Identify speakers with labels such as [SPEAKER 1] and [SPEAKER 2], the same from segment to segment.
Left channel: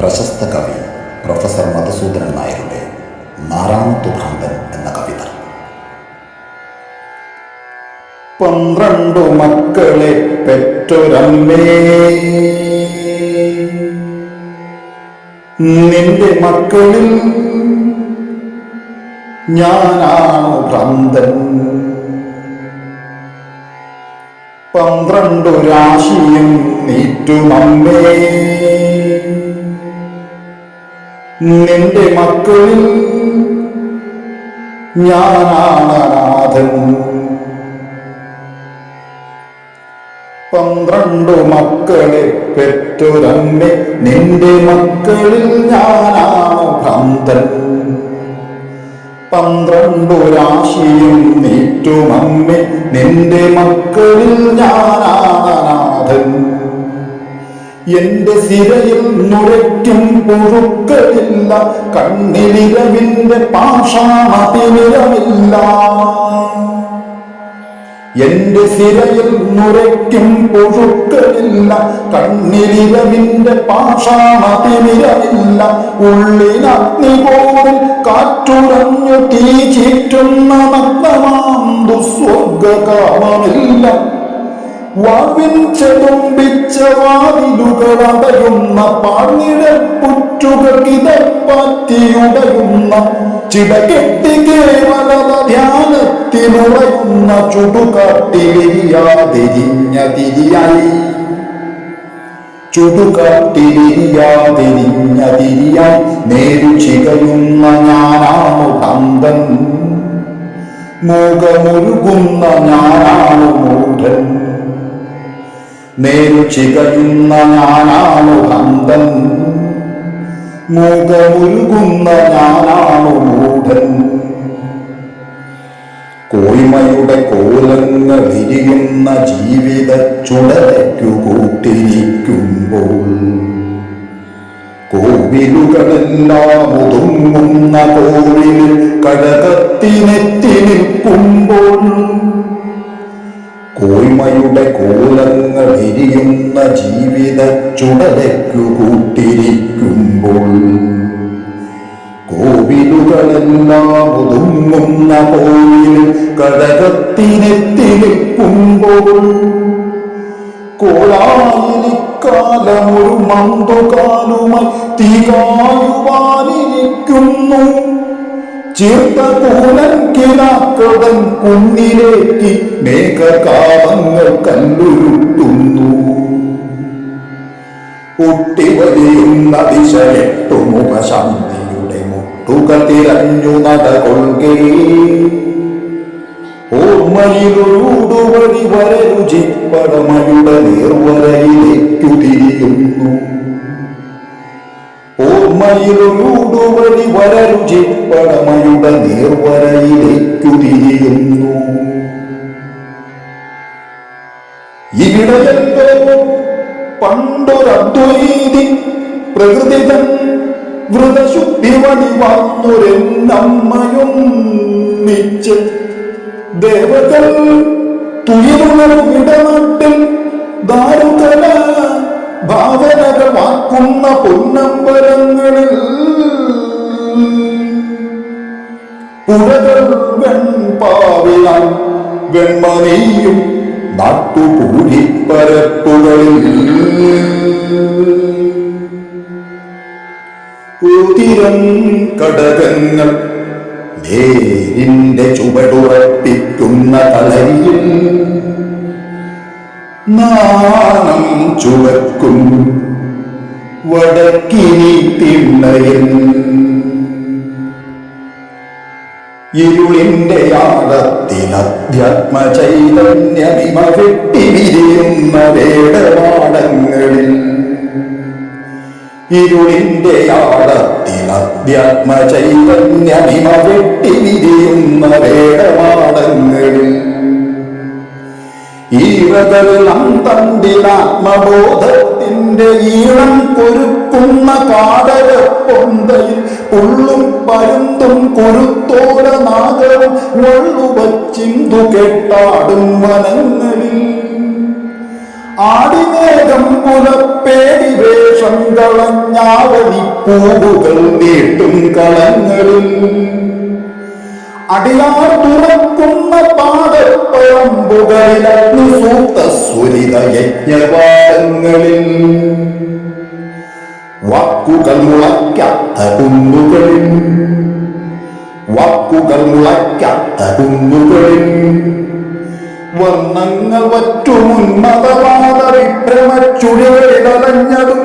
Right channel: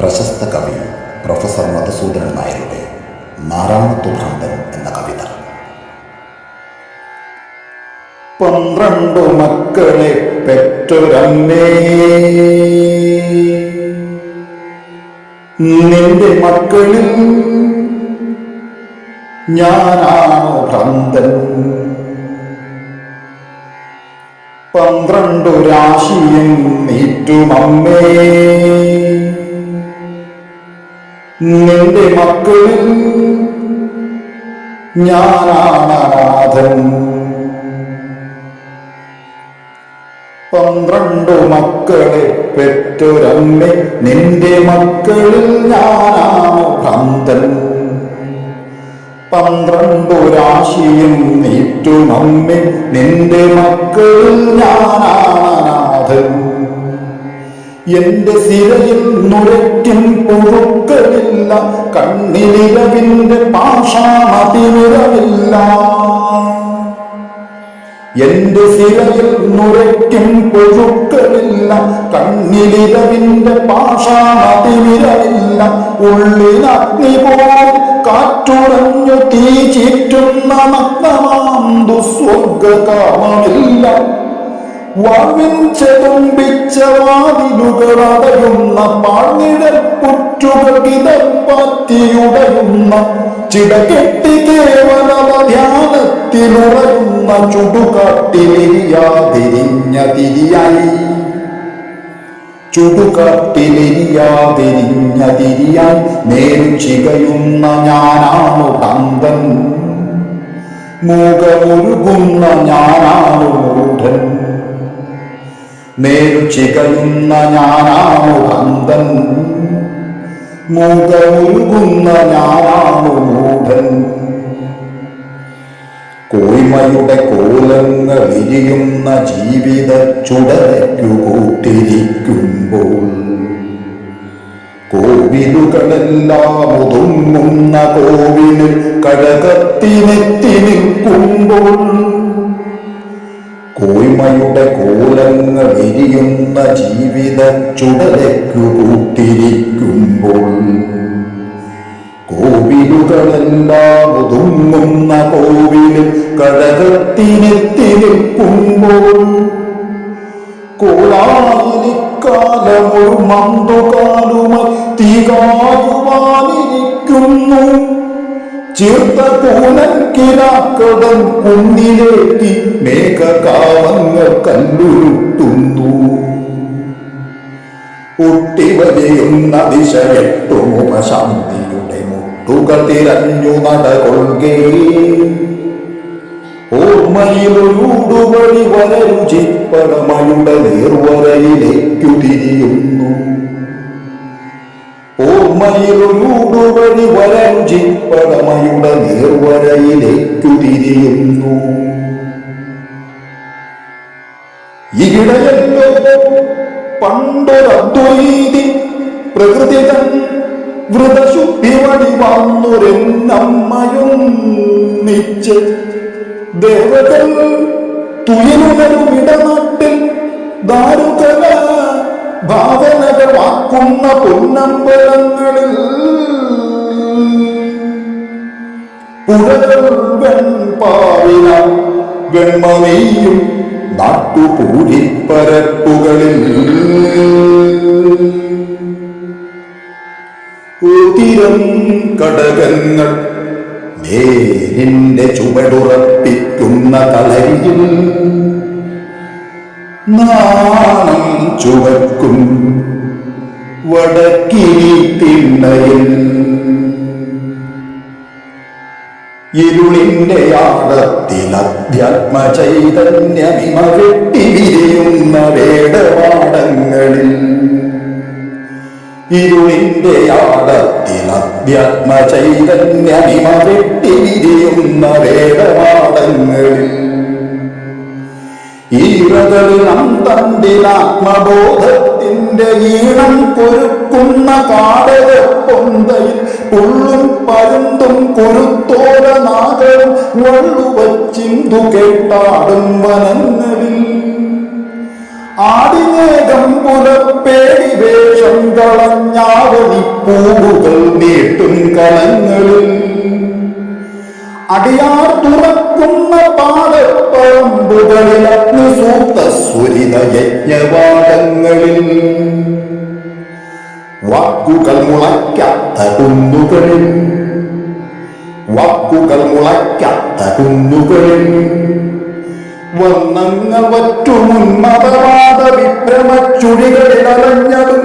[SPEAKER 1] പ്രശസ്ത കവി പ്രൊഫസർ മധുസൂദനൻ നായരുടെ നാരായണത്തു ഭ്രാന്തൻ എന്ന കവിത. പന്ത്രണ്ടു മക്കളെ പെറ്റൊരമ്മേ. നിന്റെ മക്കളിൽ ഞാനാണു ഭ്രാന്തൻ. പന്ത്രണ്ടു രാശിയും നീറ്റുമമ്മേ. നിന്റെ മക്കളിൽ ഞാനാണ് അനാഥൻ. പന്ത്രണ്ടു മക്കളെ പെറ്റൊരമ്മ നിന്റെ മക്കളിൽ ഞാനാണ് ഭ്രാന്തൻ. പന്ത്രണ്ടു രാശിയും നീറ്റുമമ്മ നിന്റെ മക്കളിൽ ഞാനാണ് അനാഥൻ. എന്റെ സിരയിൽ നുരയ്ക്കും പുഴുക്കളില്ല കണ്ണിലിരവിന്റെ പാഷാണതിരവില്ല എന്റെ സിരയിൽ നുരയ്ക്കും പുഴുക്കളില്ല കണ്ണിലിരവിന്റെ പാഷാണതിരവില്ല ഉള്ളിനഗ്നി പോലും കാറ്റുറഞ്ഞു തീ ചീറ്റുന്ന നഗ്നമാം ദുസ്വർഗകാമമില്ല വാവിൻ ചെതുമ്പിച്ച വാതിലുകളടയുന്ന പാഴ്നിഴൽ പുറ്റുകൾ കിതപ്പാറ്റിയുടയുന്ന ചിടകെട്ടി കേവലത ധ്യാനത്തിലുറയുന്ന ചുടുകാട്ടിലിരിയാതിരിഞ്ഞ തിരിയായി ചുടുകാട്ടിലിരിയാതിരിഞ്ഞ തിരിയായി നേരു ഞാനാണു ഭ്രാന്തൻ. മൂകമൊരുകുന്ന ഞാനാണു മൂഢൻ. നേരു ചികയുന്ന ഞാനാണു ഭ്രന്തൻ. മൂകമുരുകുന്ന ഞാനാണു മൂഢൻ. കോയ്മയുടെ കോലങ്ങൾ ഇരിയുന്ന ജീവിത ചുടലയ്ക്കു കൂട്ടിരിക്കുമ്പോൾ കോവിലുകളെല്ലാം ഒതുങ്ങുന്ന കോവിലിൽ കഴകത്തിനെത്തി നിൽക്കുമ്പോൾ കോയ്മയുടെ കോലങ്ങൾ എരിയുന്ന ജീവിത ചുടലയ്ക്കു കൂട്ടിരിക്കുമ്പോൾ കോവിലുകളെല്ലാം ഒതുങ്ങുന്ന കോവിലിൽ കഴകത്തിനെത്തി നിൽക്കുമ്പോൾ കോലായിലിക്കാലമൊരു മന്തുകാലുമായി തീകായുവാനിരിക്കുന്നു. ചീർത്ത കൂനൻ കിനാക്കടൻ കുന്നിലേക്ക് മേഘകാമങ്ങൾ കല്ലുരുട്ടുന്നു. ഒട്ടിവലിയുന്ന ദിശ എട്ടുമുപശാന്തിയുടെ മുട്ടുകൾ തിരഞ്ഞു നടകൊൾകേ ഓർമ്മയിലൊരുടുവഴി വരരുചിപ്പടമയുടെ നേർവരയിലേക്കു തിരിയുന്നു. ഓർമ്മയിലൊരുടുവഴി വരരുചിപ്പടമയുടെ നേർവരയിലേക്കു തിരിയുന്നു ഇവിടെയല്ലോ പണ്ടൊരദ്വൈതി പ്രകൃതിതൻ വൃതശുദ്ധി വടിവാർന്നൊരെന്നമ്മയും നിച്ച് ദേവകൾ തുയലുണരും ഇടനാട്ടിൽ ദാരുകല ഭാവനകൾ വാക്കുന്ന പൊന്നമ്പലങ്ങളിൽ പുഴകൾ വെൺപാവിനാൽ വെൺമണിയും നാട്ടുപൂരിപ്പരപ്പുകളിൽ ഉതിരം കടകങ്ങൾ നേരിന്റെ ചുവടുറപ്പിക്കുന്ന കളരിയിൽ നാണം ചുവക്കും വടക്കിനി തിണ്ണയിൽ ഇരുളിന്റെ ആഴത്തിൽ അധ്യാത്മ ചൈതന്യമിമ വെട്ടി വിരിയുന്ന വേടപാടങ്ങളിൽ ഇരുളിന്റെ ആഴത്തിൽ അധ്യാത്മ ചൈതന്യമിമ വെട്ടി വിരിയുന്ന ഈറകളിൽ തണ്ടിലാത്മബോധത്തിന്റെ ഈണം കൊരുക്കുന്ന കാടക പൊന്തയിൽ പുള്ളും പരുന്തും കുരുത്തോല നാഗവും വള്ളുവച്ചിന്തു കെട്ടാടും വനങ്ങളിൽ. ആടിനേകം പുലപ്പേടി വേഷം കളഞ്ഞാവണി പൂവുകൾ നീട്ടും കളങ്ങളിൽ. അടിയാർ തുറക്കുന്ന പാടപ്പഴമ്പുകളിൽ അഗ്നിസൂക്ത സ്വരിത യജ്ഞവാദങ്ങളിൽ. വാക്കുകൾ മുളയ്ക്കാത്ത കുന്നുകളിൽ വാക്കുകൾ മുളയ്ക്കാത്ത കുന്നുകളിൽ വർണങ്ങൾ വറ്റുമുന്മതവാദ വിഭ്രമച്ചുഴികളിൽ അലഞ്ഞതും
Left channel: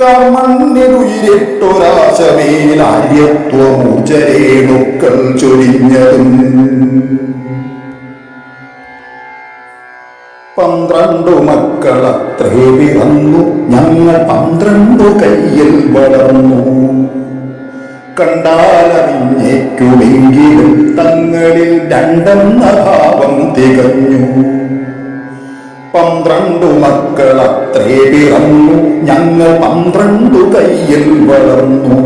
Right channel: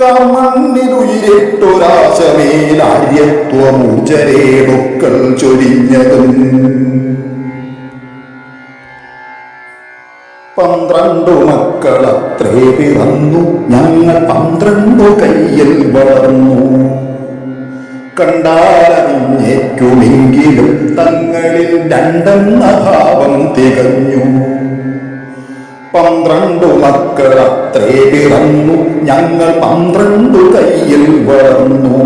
[SPEAKER 1] കർമ്മന്നിലുയിരിട്ടൊരാശമേലാര്യത്വമൂചരേണുക്കൾ ചൊരിഞ്ഞതും. പന്ത്രണ്ടു മക്കളത്രേ പിറന്നു. ഞങ്ങൾ പന്ത്രണ്ടു കയ്യിൽ വളർന്നു. കണ്ടാലറിഞ്ഞേക്കുമെങ്കിലും തങ്ങളിൽ രണ്ടെന്ന ഭാവം തികഞ്ഞു. പന്ത്രണ്ടു മക്കളത്രേ പിറന്നു. ഞങ്ങൾ പന്ത്രണ്ടു കയ്യിൽ വളർന്നു.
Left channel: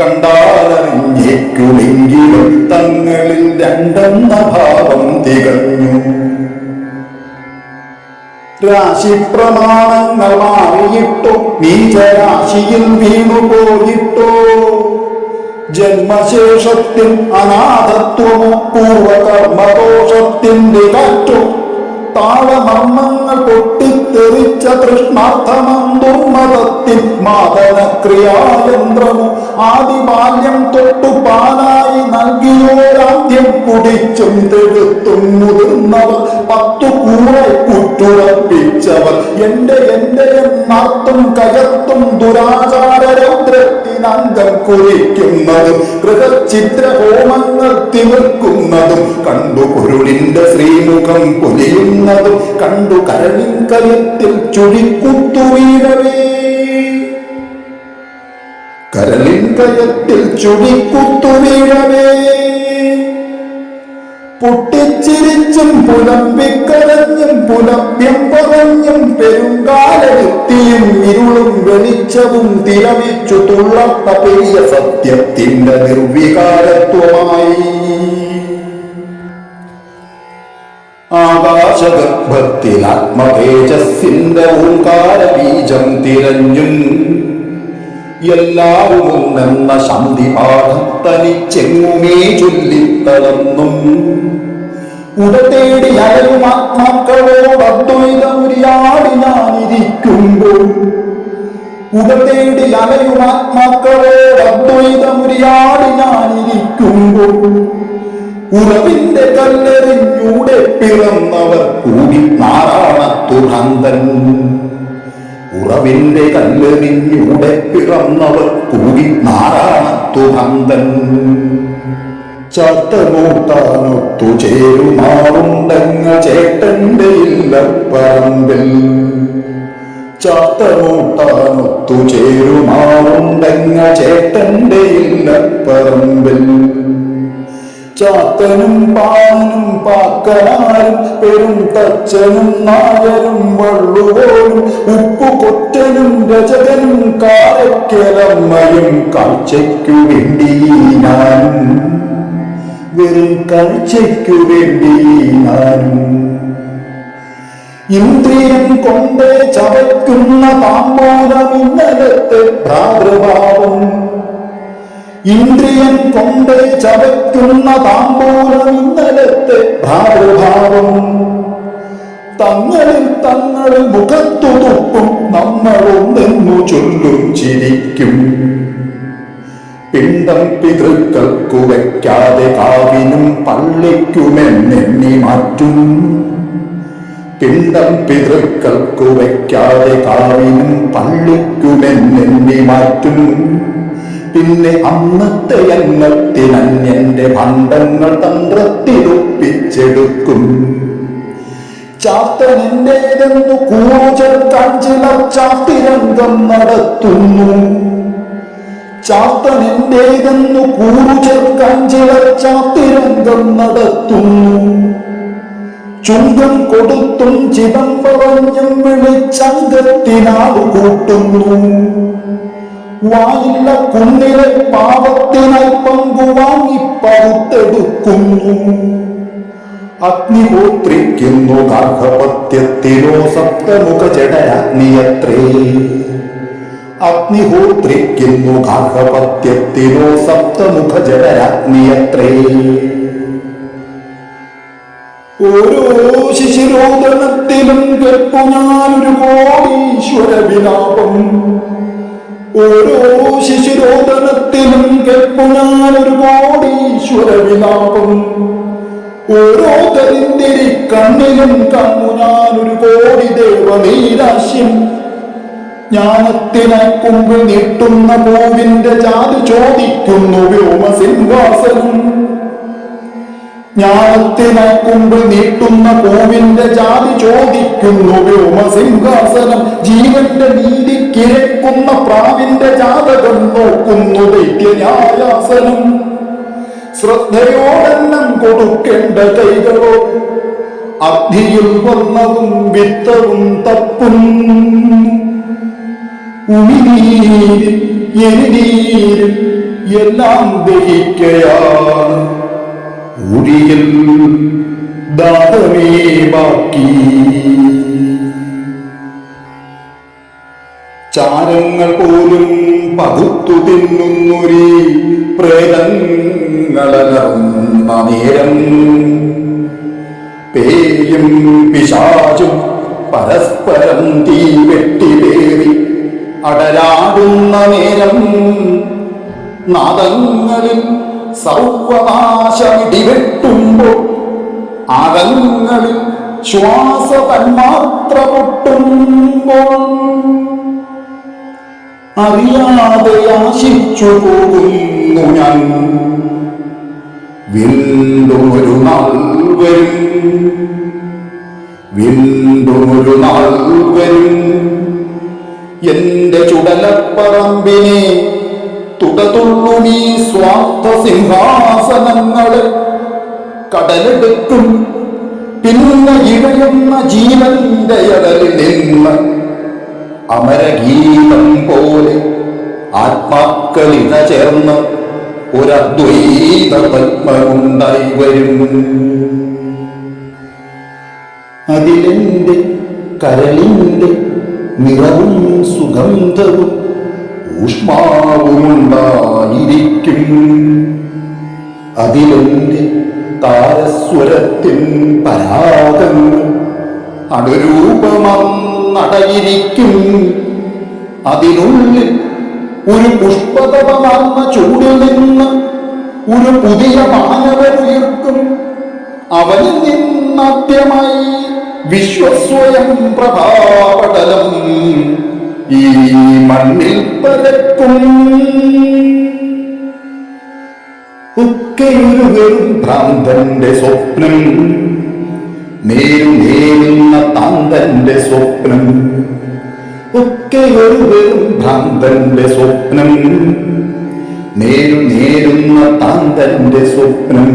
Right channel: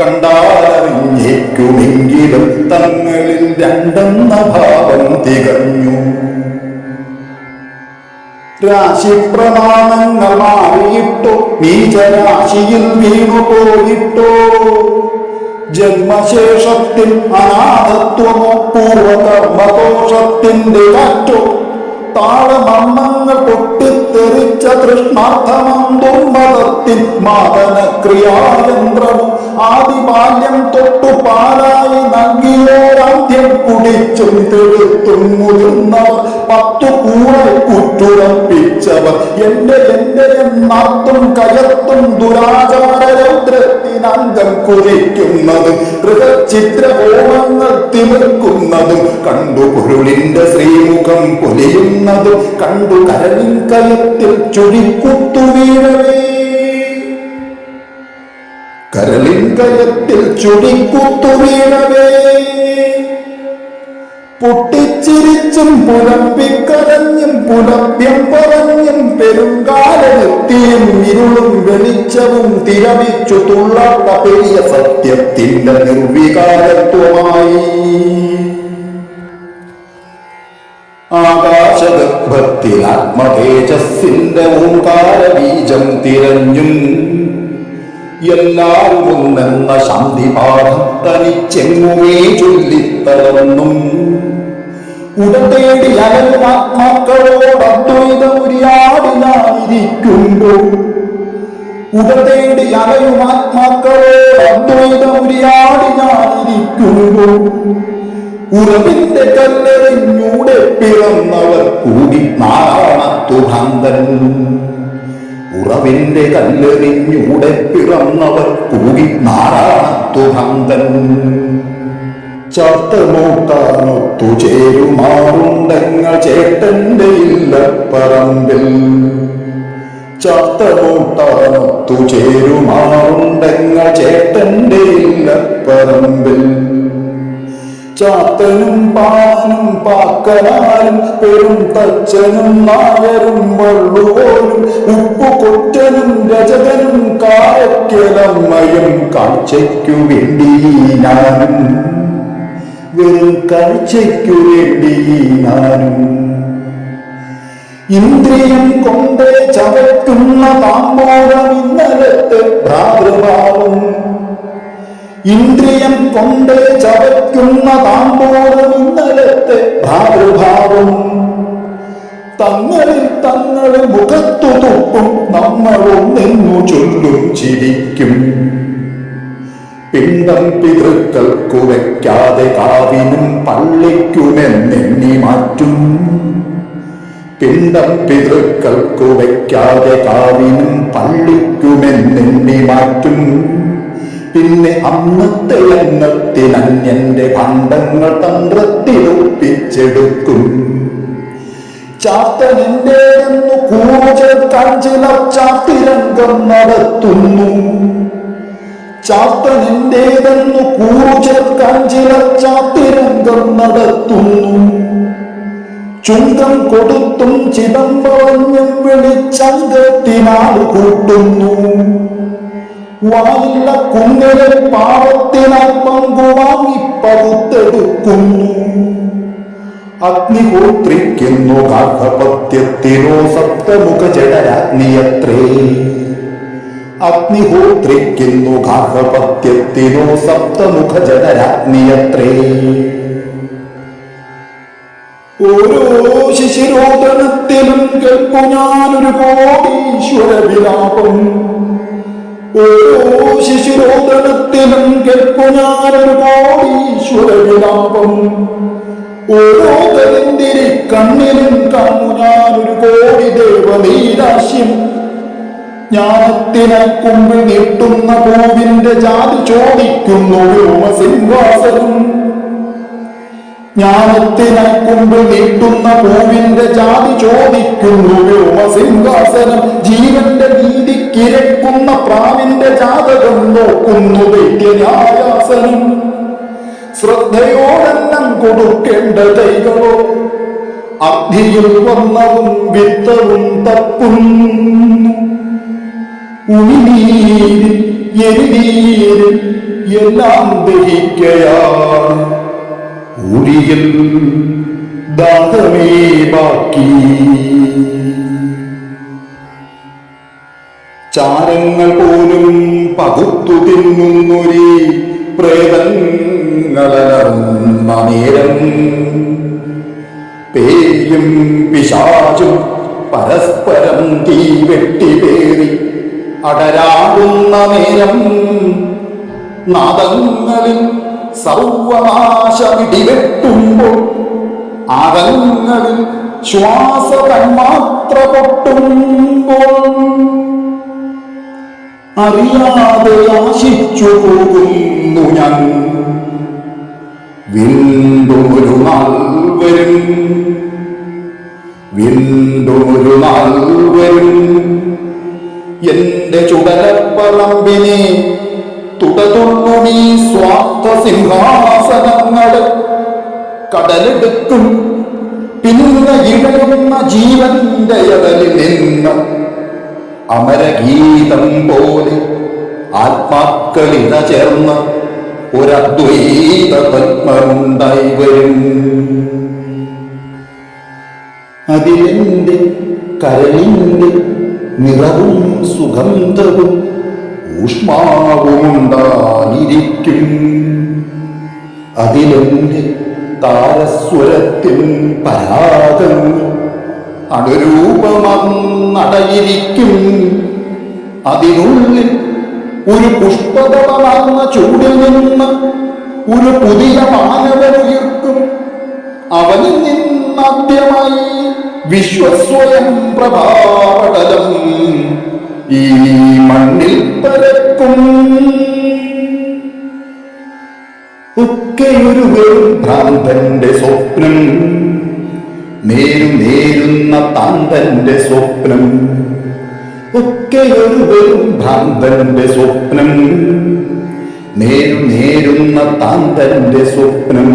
[SPEAKER 1] കണ്ടാലറിഞ്ഞേക്കുമെങ്കിലും തങ്ങളിൽ രണ്ടെന്ന ഭാവം തികഞ്ഞു. രാശിപ്രമാണങ്ങൾ മാറിയിട്ടോ നീചരാശിയിൽ വീണുപോയിട്ടോ. ജന്മശേഷത്തിൻ അനാഥത്വമോ പൂർവകർമ്മദോഷത്തിന്റെ കാറ്റോ താളമർമ്മങ്ങൾ പൊട്ടിത്തെറിച്ച തൃഷ്ണാർത്ഥമം ദുർമതത്തിൻ മാതനക്രിയായന്ത്രമോ ആദിബാല്യം തൊട്ടു പാലായി നൽകിയോരാദ്യം കുടിച്ചും തെടുത്തും മുതിർന്നവർ പത്തു കൂറെ കുറ്റുറപ്പിച്ചവർ എന്റെ എന്റെ എന്നർത്തും കയത്തും ദുരാചാര രൗദ്രത്തിനന്തം കുറിക്കുന്നതും ഗൃഹചിത്ര ഹോമങ്ങൾ തിമിർക്കുന്നതും കണ്ടു പൊരുളിന്റെ ശ്രീമുഖം പൊലിയുന്നതും കണ്ടു കരളിൻ കയത്തിൽ ചുഴിക്കുത്തു വീഴവേ. കരളിൻ കയത്തിൽ ചുഴിക്കുത്തു വീഴവേ. പൊട്ടിച്ചിരിച്ചും പുലമ്പിക്കരഞ്ഞും പുലഭ്യം പറഞ്ഞും പെരുങ്കാലെത്തിയും ഇരുളും വെളിച്ചവും തിരമിച്ചു തുള്ളത്ത പെരിയ സത്യത്തിന്റെ നിർവികാരത്വമായി. ആകാശഗർഭത്തിൽ ആത്മതേജസ്സിന്റെ ഓംകാര ബീജം തിരഞ്ഞും എല്ലാവരും ഒന്നെന്ന ശാന്തി തനിച്ചെങ്ങുമേ ചൊല്ലിത്തളർന്നും. ഉടതേടി അലയും ആത്മാക്കളോട് അദ്വൈതമുരിയാടി ഞാനിരിക്കുമ്പോൾ. ഉടതേടി അലയും ആത്മാക്കളോട് അദ്വൈതമുരിയാടി ഞാനിരിക്കുമ്പോൾ. ഉറവിന്റെ കല്ലെറിഞ്ഞൂടെ പിറന്നവർ കൂടി നാരായണത്തുഭന്തൻ. ഉറവിന്റെ കല്ലെറിഞ്ഞൂടെ പിറന്നവർ കൂടി നാരായണത്തു ഭ്രാന്തൻ ചാത്തമൂട്ടാനൊത്തു ചേരുമാറുണ്ടങ്ങൾ ചേട്ടന്റെ ഇല്ലപ്പറമ്പിൽ ചാത്തമൂട്ടാനൊത്തു ചേരുമാറുണ്ടങ്ങൾ ചേട്ടന്റെ ഇല്ലപ്പറമ്പിൽ ചാത്തനും പാനും പാക്കനാരും പെരും തച്ചനും നായരും വള്ളുവോനും ഉപ്പുകൊറ്റനും രചകനും കാരക്കലമ്മയും കാഴ്ചയ്ക്കു വേണ്ടി ഞാനും വെറും കാഴ്ചയ്ക്കു വേണ്ടി ഞാനും ഇന്ദ്രിയം കൊണ്ട് ചവയ്ക്കുന്ന താമ്പൂലം ഇന്നലത്തെ ഭ്രാതൃഭാവം. ഇന്ദ്രിയം കൊണ്ട് ചവയ്ക്കുന്ന താമ്പൂലം ഇന്നലത്തെ ഭ്രാതൃഭാവം. തങ്ങളിൽ തങ്ങളിൽ മുഖത്തു തുപ്പും നമ്മളൊന്നെന്നു ചൊല്ലും ചിരിക്കും. പിണ്ടം പിതൃക്കൾക്കു വയ്ക്കാതെ കാവിനും പള്ളിക്കുമെന്നെണ്ണി മാറ്റും. പിണ്ടം പിതൃക്കൾക്കു വയ്ക്കാതെ കാവിനും പള്ളിക്കുമെന്നെണ്ണി മാറ്റും. പിന്നെ അന്നത്തെ എണ്ണത്തിനന്യന്റെ ഭണ്ഡങ്ങൾ തന്ത്രത്തിലൊപ്പിച്ചെടുക്കും. ചാത്തനെന്റേതെന്നു കൂറു ചേർക്കാൻ ചിലർ ചാത്തിരംഗം നടത്തുന്നു. ചാത്തനെന്റേതെന്നു കൂറു ചേർക്കാൻ ചിലർ ചാത്തിരംഗം നടത്തുന്നു. ചുങ്കം കൊടുത്തും ചിതം പറഞ്ഞും കൂട്ടുന്നു. വായില്ല കുന്നിലെ പാപത്തിനായി പങ്കുവാങ്ങി പകുത്തെടുക്കുന്നു അഗ്നിഹോത്രിക്കുന്നു ഗാർഹപത്യത്തിനോ സപ്തമുഖ ജഡരാഗ്നിയത്രേ അഗ്നിഹോത്രിക്കുന്നു ഗാർഹപത്യത്തിനോ സപ്തമുഖ ജഡരാഗ്നിയത്രേ ഓരോ ശിശിരോദനത്തിലും കേൾപ്പു ഞാനൊരു കോടീശ്വര വിലാപം. ഓരോ ശിശിരോദനത്തിലും കേൾപ്പു ഞാനൊരു കോടീശ്വര വിലാപം. ഓരോ തരിന്തിരി കണ്ണിലും കാണു ഞാനൊരു കോടി ദേവനീരാശ്യം ജ്ഞാനത്തിനെ കുമ്പിൽ നീട്ടുന്ന പൂവിന്റെ ജാതി ചോദിക്കുന്നു വ്യോമസിംഹാസനം. ജ്ഞാനത്തിനെ കുമ്പിൽ നീട്ടുന്ന പൂവിന്റെ ജാതി ചോദിക്കുന്നു വ്യോമസിംഹാസനം. ജീവന്റെ നീതി കിരക്കുന്ന പ്രാവിന്റെ ജാതകം നോക്കുന്നു ദൈത്യന്യായാസനം. ശ്രദ്ധയോടെന്നം കൊടുക്കേണ്ട കൈകളോ അർദ്ധിയിൽ വർണവും വിത്തവും തപ്പും. ഉമിനീരും എരിനീരും എല്ലാം ദഹിക്കയാണ്. ഉരിയിൽ ദാഹമേ ബാക്കി. ചാരങ്ങൾ പോലും പകുത്തു തിന്നുന്നൊരി പ്രേതങ്ങളലറുന്ന നേരം. പേയും പിശാചും പരസ്പരം തീ വെട്ടിപേറി അടരാടുന്ന നേരം നാദങ്ങളിൽ സർവനാശമിടിവെട്ടുമ്പോൾ ആദങ്ങളിൽ ശ്വാസ തന്മാത്ര പൊട്ടുമ്പോൾ അറിയാതെ ആശിച്ചു പോകുന്നു ഞാൻ. വീണ്ടും ഒരു നാൾ വരും. വീണ്ടും ഒരു നാൾ വരും. എന്റെ ചുടലപ്പറമ്പിനെ തുടതുള്ളുമീ സ്വാർത്ഥ സിംഹാസനങ്ങളെ. കടലെടുക്കും. പിന്നെ ഇഴയുന്ന ജീവന്റെ അകലിൽ നിന്ന് അമരഗീതം പോലെ ആത്മാക്കളിത ചേർന്ന് ഒരദ്വൈത പത്മമുണ്ടായി വരും. അതിലെന്റെ കരളിന്റെ നിറവും സുഗന്ധവും ഊഷ്മാവുമുണ്ടായിരിക്കും. അതിലെന്റെ താരസ്വരത്തിൻ പരാഗങ്ങൾ അണുരൂപമന്നടയിരിക്കും അതിനുള്ളിൽ ഒരു പുഷ്പതപമർന്ന ചൂടിൽ നിന്ന് ഒരു പുതിയ മാനവനുയർക്കും. അവനിൽ നിന്നാദ്യമായി വിശ്വസ്വയം പ്രഭാപടലം ഈ മണ്ണിൽ പരക്കും. ഒക്കെയൊരു വെറും ഭ്രാന്തന്റെ സ്വപ്നം നേരുനേരുന്ന താന്തന്റെ സ്വപ്നം. ഒക്കെ ഒരു വെറും ഭ്രാന്തന്റെ സ്വപ്നം നേരുനേരുന്ന താന്തന്റെ സ്വപ്നം.